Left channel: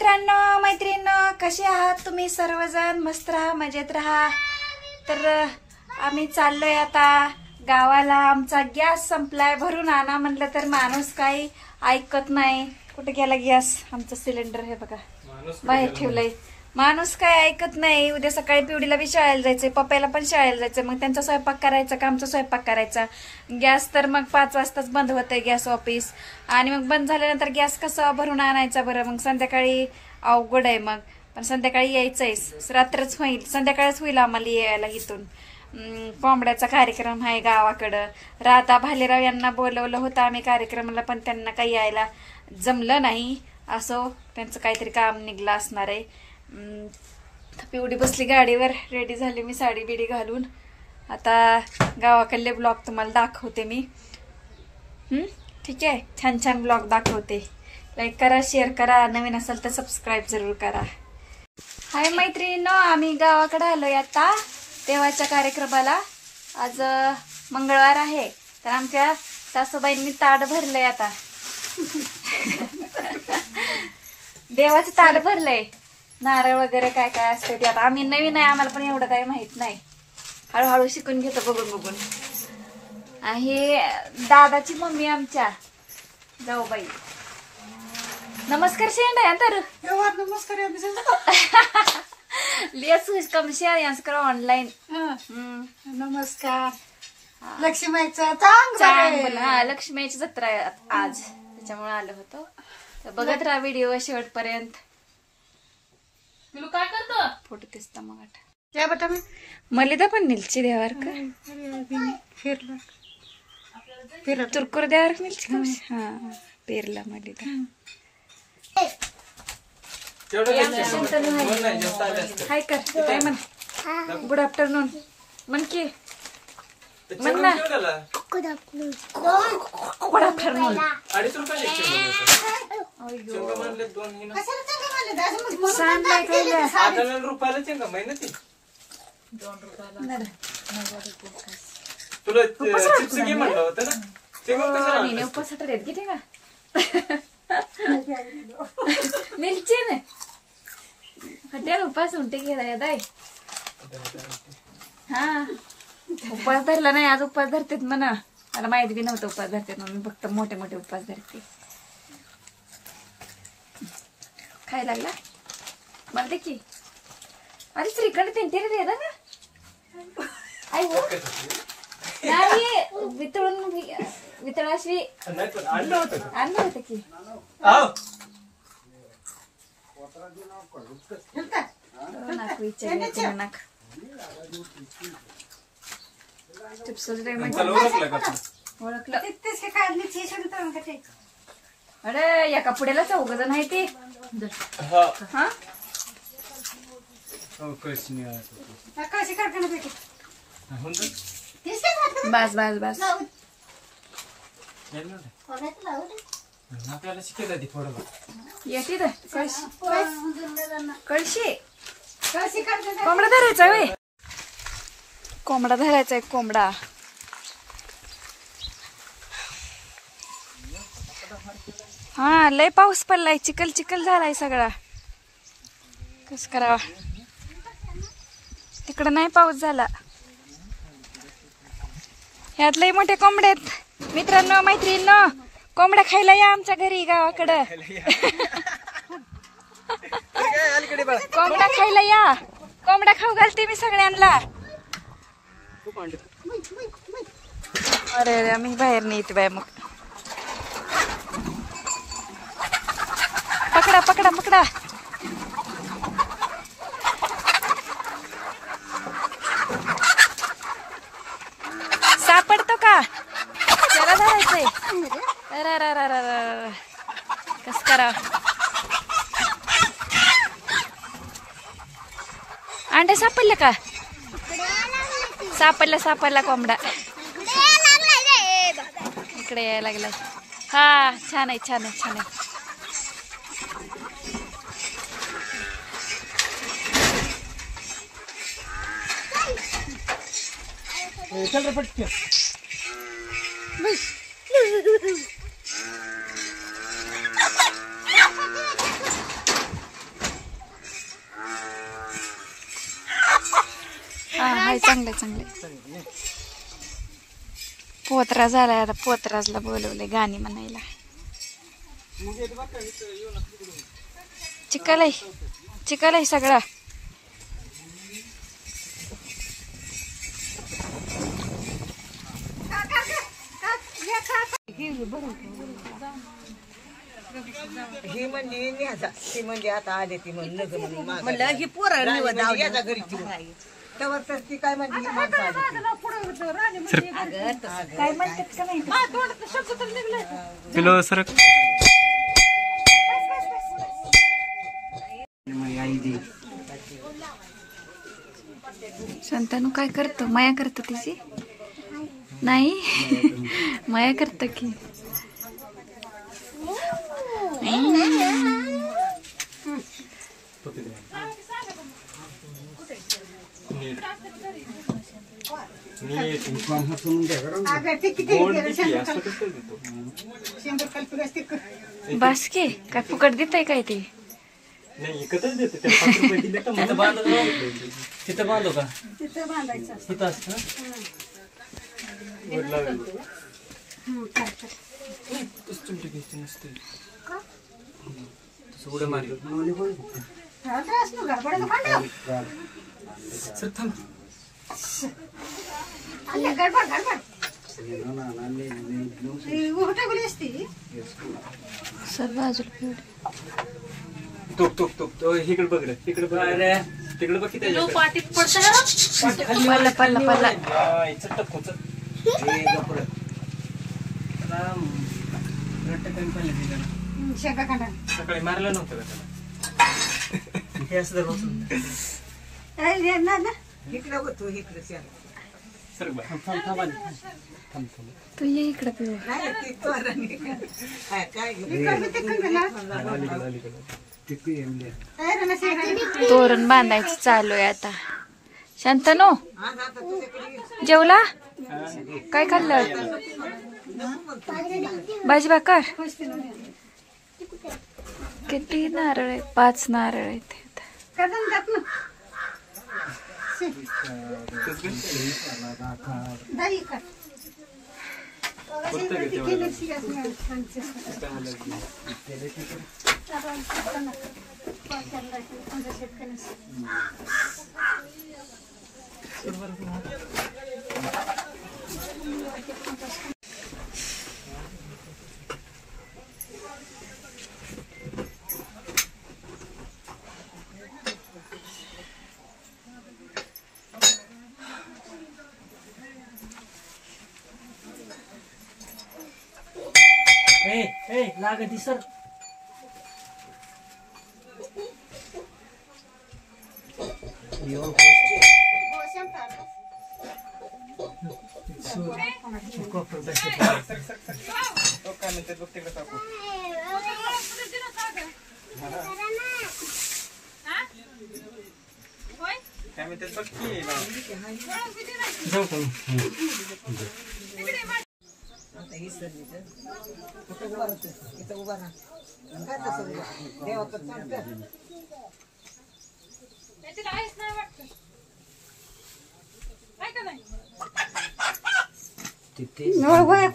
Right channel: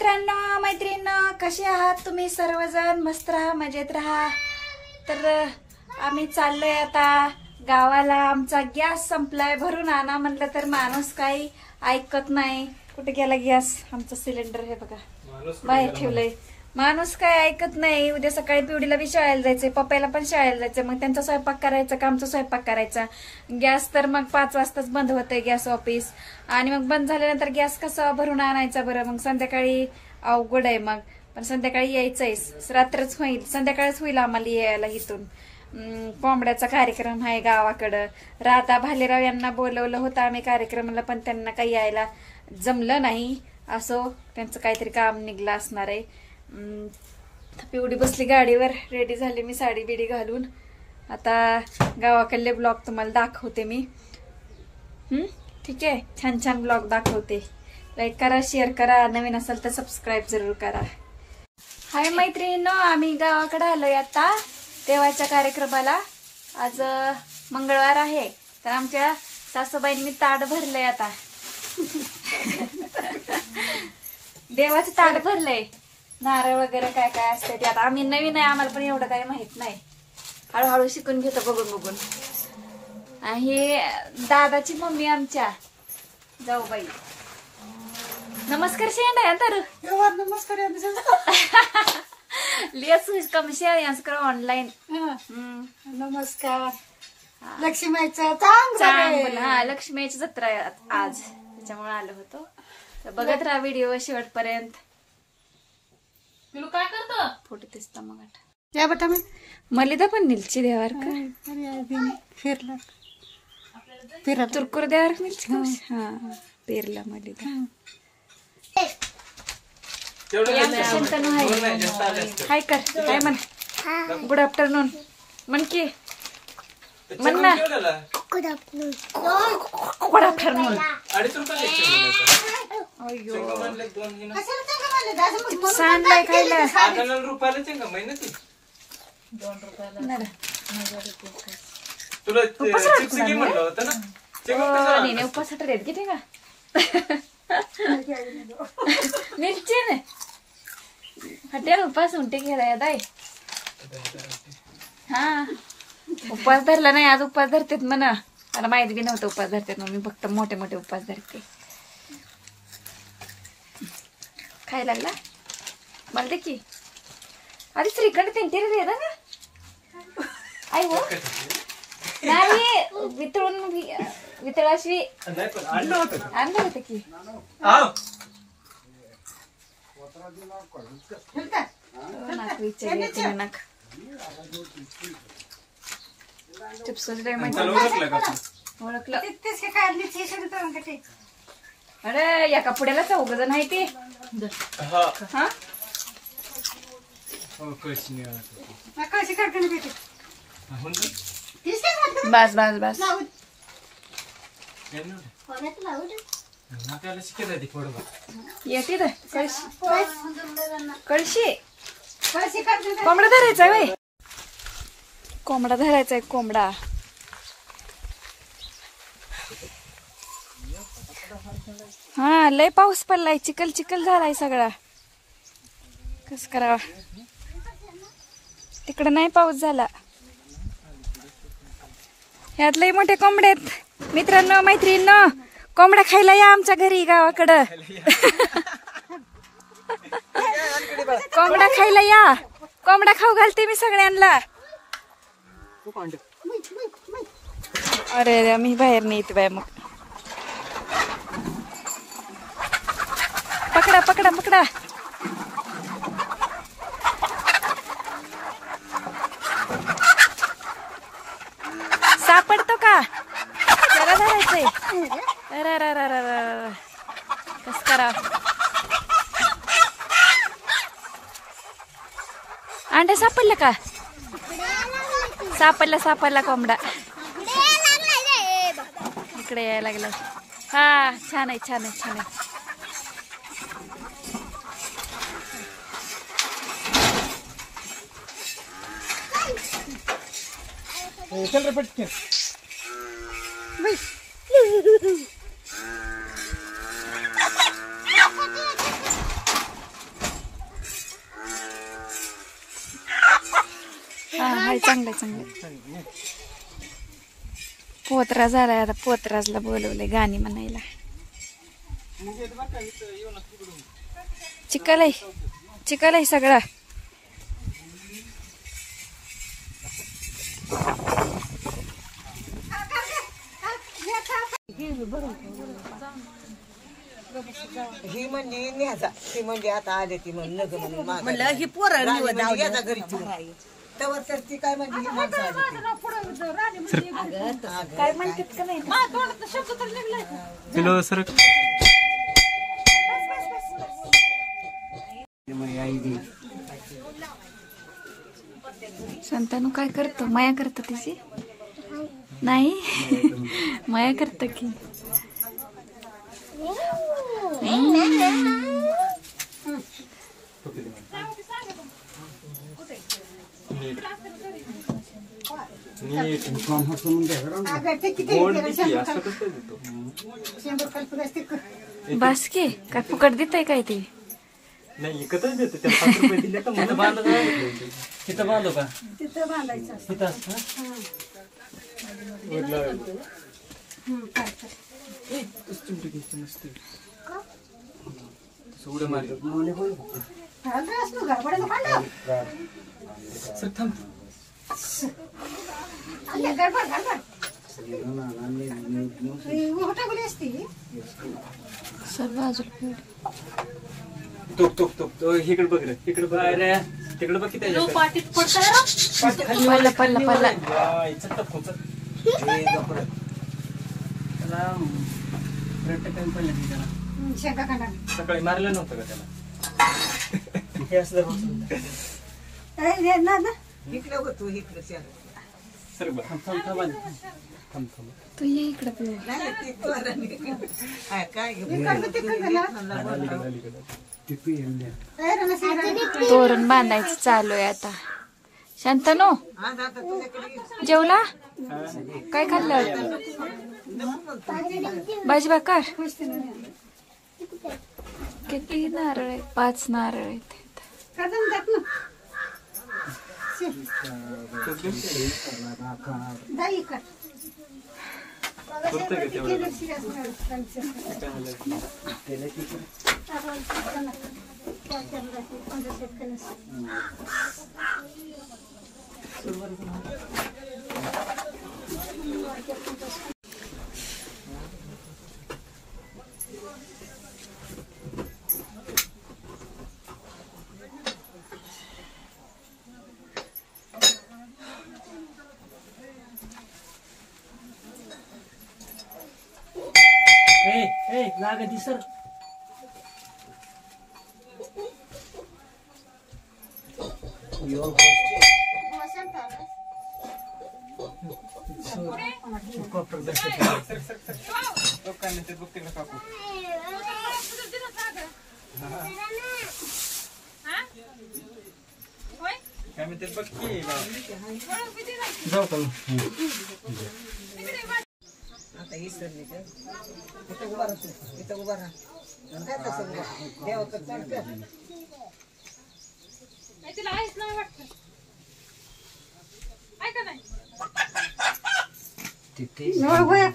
मित्रांनो मैत्रिणींनो, कसे आहात तुम्ही सर्वजण? मस्त राहा, मजेत राहा. तर आम्ही चाललोय आता गावाला. आमचा गॅस संपलाय, भरून आणा म्हणलं तर माणूस काही ऐकत नाही. कुठे गेला गॅस? आमचा सिलेंडर हे बघा बाहेर ठेवलंय. माणूस काय ऐकत नाही. उद्या सकाळी पिवडीला बी शाळेला जायचंय, पप्पाला पण शाळेला जायचंय. मग त्यांचा स्वयंपाक करायचा का आमचा स्वयंपाक करायचा? गॅस तर मग 5 वाजताच बंद होतंय गॅस ऑफिस. आणि मग बंद झाल्यानंतर गॅस कसा भरून आणायचा बरं? मग संध्याकाळी अवघड आहे. मग पण संध्याकाळी यायचंय, रात्रच होईल, संध्याकाळच होईल आम्हाला यायला इथून. कोंबड्याचा कार्यक्रम आहे गावाकडं. राधा भालेराव यांना बोलवलं होतं आम्ही कार्यक्रमाला, पण त्यांना काही यायला जमलं नाही. असो, त्यांचं काहीतरी काम निघलं असणार आहे. पिवडी बसली गाडीवर, रेडी झाली मी साडी बिडी घालून. आता गावाकडले ब्लॉग तुम्हाला दाखवते मी. ठीक आहे, छान छान ब्लॉग दाखवते. लाईक करा, शेअर करा, नवीन असेल तर सबस्क्राईब जरूर करा. हाय मैत्रिणींनो, आम्ही गावाकडे आलोय आता देवाच्या कार्यक्रमाला. आज मंगळवार आहे, तर आमच्या सासूबाईंनी ताट भरलंय. आता देवाचं ताट भरलंय. नारळ वगैरे काय काय असते ते आता आम्ही नवीन आहे, आम्हाला पण एवढं काही माहित नाही. हळूहळू शिकून घेतो बघून बघून. हे दादाची मम्मी आमच्या जाऊबाई. नमस्कार शेंडा तर नमस्कार लिहस कम शेअर करा ऑनलाईन. नमस्कार. लक्ष्मीचं चांगलं. हा, लक्ष्मीची जत्रा आहे आज, त्याच्यामुळे आलो होतो. तर बघत राहा व्हिडिओ शेवटपर्यंत. काय करतो? फोटो दिसता मग क्या बेटा मी मलिदा पण निलची देवार का फिरला तुरकुर देवार मिलची का? हा, पेरला मलिदा. हाय कर, काय म्हण? गुड आफ्टरनून म्हण की. म्हण ना, गुड आफ्टरनून. हटेल उपास उंटे गेलाय दाय. हा, उपवास धरला नाही आज. उपवास धरतेत म्हणा, मला माहिती बी नव्हतं उपवास धरतेत. मी फक्त मोठे मोठे उपवास धरते. खाय लागला मला दे की. अरे श्रीखंड त्यांच्या दे ना आई हो. नाही, वितळाशी आणलं होतं की. नाक विचार नाक ओळखलं. अरे या कपड्याला 4 जण आहे ते. हा, बस बस बस. येते कळशी. कोंबडा धरायचा वे, कोंबडा धरायचा आहे. कोंबडा हा, लय पाऊस पडलाय, चिखल चिखल झालाय सगळा. कस करावा? तिकडं नाही पाऊस झाला. ह्यात लय मोठे कोंबडे आहेत. मित्रांनो मैत्रिणींनो, कोंबड्या खायला या आमच्या घरी गावाकडं. कोंबड्या खायला या. कोंबड्या खाऊ घालते मी सगळ्यांना. अरे मी बाहेर नेत बाय. मग पकडा पकडा पकडा. सापडतो का? त्याला धरायचंय. कस करा? अंडे सापडले का? सापडला कोंबडा. इकडे यायला लागलाय. हा, छान आहे छान आहे छान आहे. चल रे पटके. हाय चांगलंय चांगलंय. पोतरा झालाय आता. पोतराजला बोलवलंय गाणी म्हणायला. चिकलय चिकलय सगळं. ही म्हणजे न्याजा, ती म्हणजे आता आले ती म्हणून म्हणलं ही पोरं याचा घरी तेव्हा तर ती काय म्हणजे ही माणसं आली ती. काय म्हणतात का नाही? पिलो सर संतानू काय करतो? माया करतो तिची नाही. माया करतो की. बस की काय फुकट देताय काय ते? नाही एकच देते त्याला 5 रुपये दिले का मला बांधतो. तिथं बांधू का? तिथं बांधायचं. तिथं असतं वर लावायचं. चिमटी घ्यायची नसते तसं उड्या मारतात. सर थांब. सर बाजूला तोप तोप तोप इकडे बघ रे. तिकडे बघ रे. तिकडे बघ किती पल्ला पल्ला पल्ला. सकाळी मारलं नव्हतं का त्याला? हे असं इकडे होतो इकडे सर तू ये इकडे पिऊ. नाही ती तोरणी. काय तोरण बांधायचं चालू आहे आता. शांतनो जेवला? काय खाल्लं? भाजी भाकर. किती नारळ आहेत? 5 नारळ आहेत. लागती सर. आता ही सरली तर इथं उभा राहतो. इथं उभा राहा. काय तसं उभा देवाचं चालतं. ahora voy a